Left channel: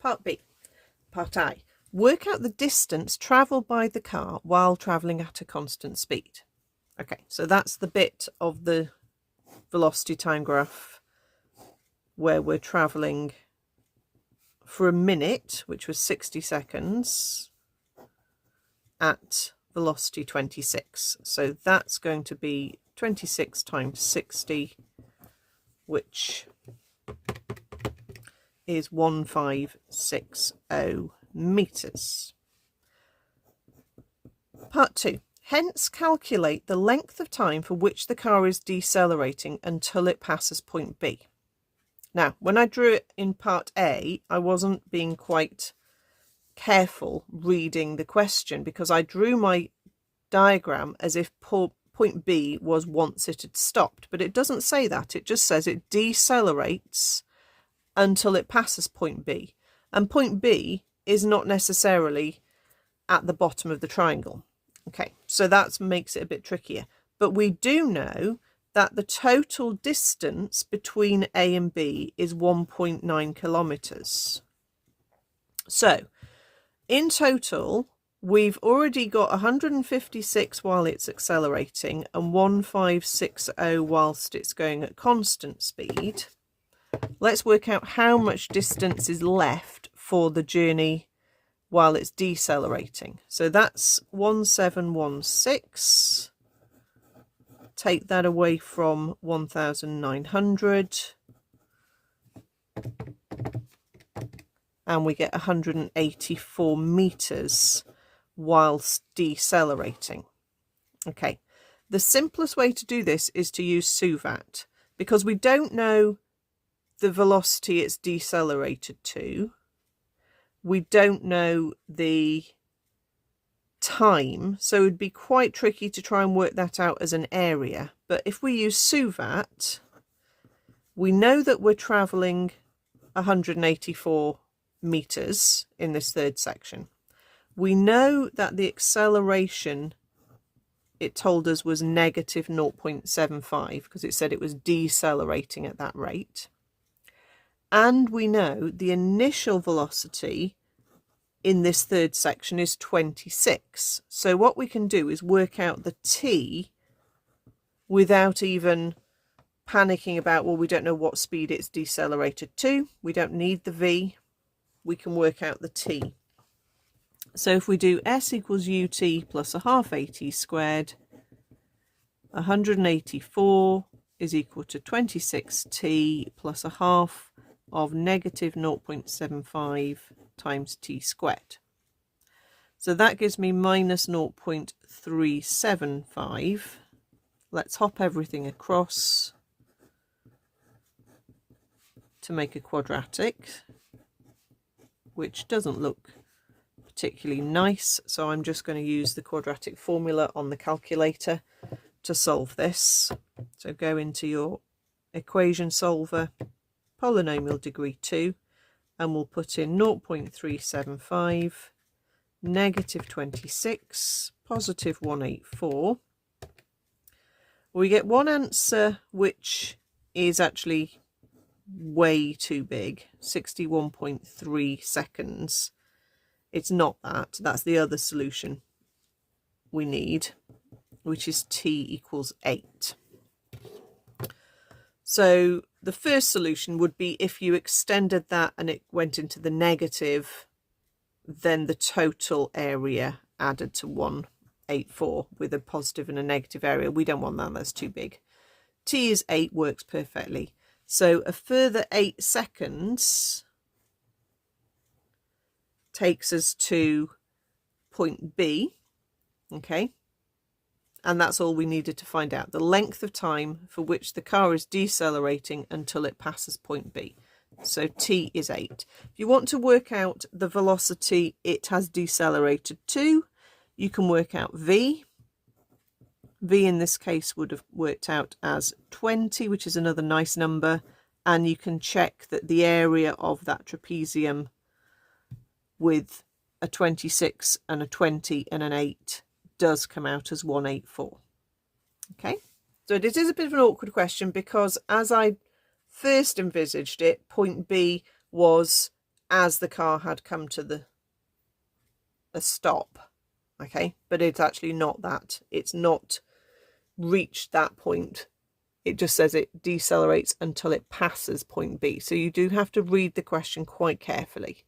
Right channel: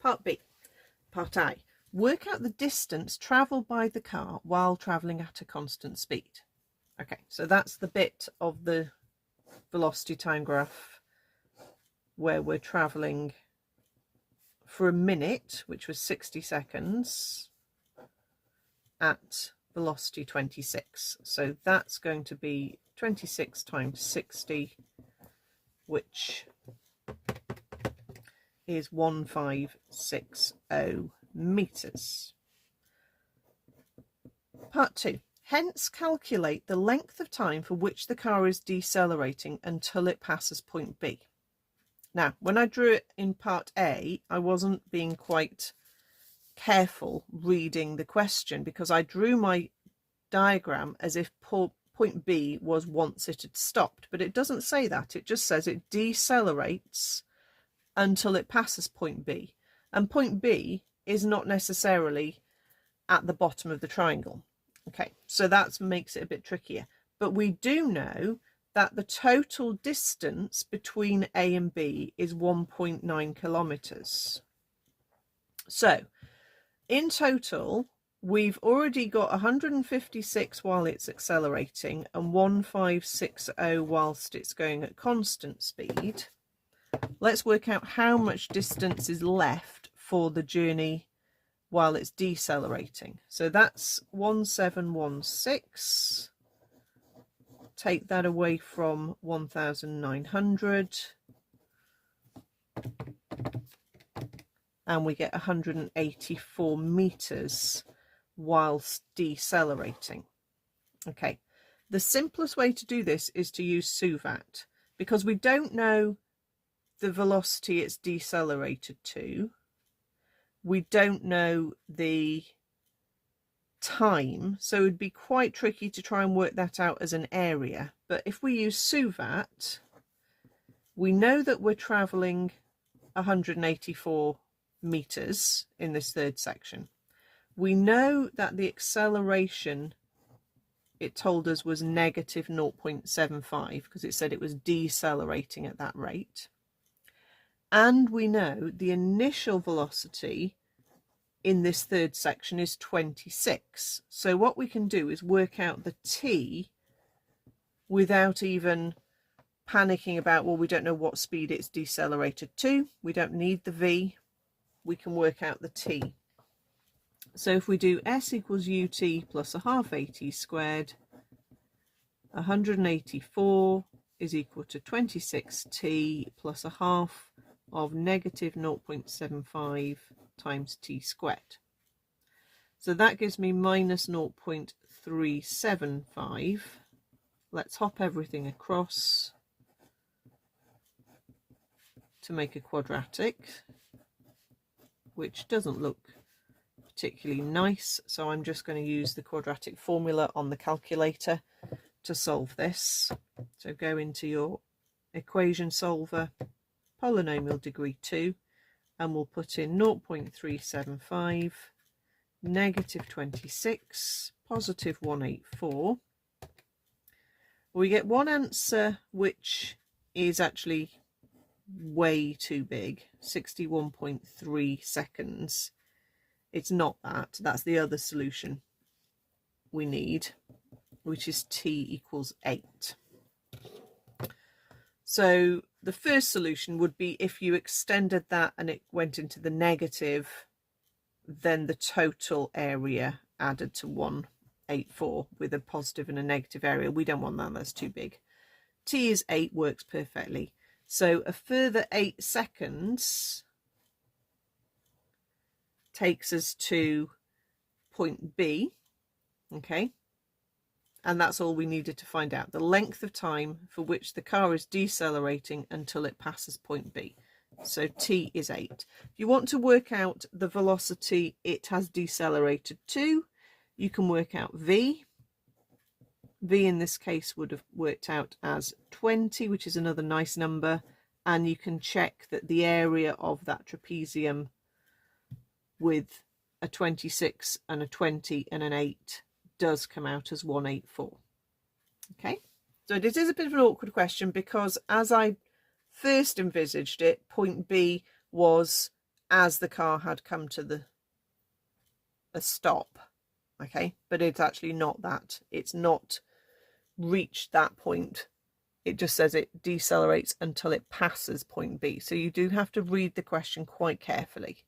Part B. Part I. Work out the distance travelled by the car while travelling at a constant speed. Okay, so that's the bit of the velocity time graph where we're travelling for a minute, which was 60 seconds, at velocity 26. So that's going to be 26 times 60, which is 1560 meters. Part 2. Hence calculate the length of time for which the car is decelerating until it passes point B. Now, when I drew it in part A, I wasn't being quite careful reading the question because I drew my diagram as if point B was once it had stopped, but it doesn't say that. It just says it decelerates until it passes point B, and point B is not necessarily at the bottom of the triangle. Okay, so that makes it a bit trickier, but we do know that the total distance between A and B is 1.9 kilometers. So in total, we've already got 156 while it's accelerating and 1560 whilst it's going at constant speed. Let's work out how much distance is left for the journey while it's decelerating. So that's 1716. Take that away from 1900. And we get 184 meters whilst decelerating. Okay, the simplest way to do this is to use SUVAT because we don't know the velocity it's decelerated to. We don't know the time, so it would be quite tricky to try and work that out as an area. But if we use SUVAT, we know that we're traveling 184 meters in this third section. We know that the acceleration, it told us, was negative 0.75 because it said it was decelerating at that rate. And we know the initial velocity in this third section is 26. So what we can do is work out the t without even panicking about, well, we don't know what speed it's decelerated to. We don't need the v. We can work out the t. So if we do s equals ut plus a half at squared, 184 is equal to 26t plus a half of negative 0.75 times t squared. So that gives me minus 0.375. Let's hop everything across to make a quadratic, which doesn't look particularly nice. So I'm just going to use the quadratic formula on the calculator to solve this. So go into your equation solver, polynomial degree 2, and we'll put in 0.375, negative 26, positive 184. We get one answer which is actually way too big, 61.3 seconds. It's not that, that's the other solution we need, which is t equals 8. So the first solution would be if you extended that and it went into the negative, then the total area added to 184 with a positive and a negative area. We don't want that, that's too big. T is 8, works perfectly. So a further 8 seconds takes us to point B, okay? And that's all we needed to find out, the length of time for which the car is decelerating until it passes point B. So t is 8. If you want to work out the velocity it has decelerated to, you can work out v. V in this case would have worked out as 20, which is another nice number. And you can check that the area of that trapezium with a 26 and a 20 and an 8 does come out as 184. Okay, so it is a bit of an awkward question because as I first envisaged it, point B was as the car had come to a stop. Okay, but it's actually not that. It's not reached that point. It just says it decelerates until it passes point B. So you do have to read the question quite carefully.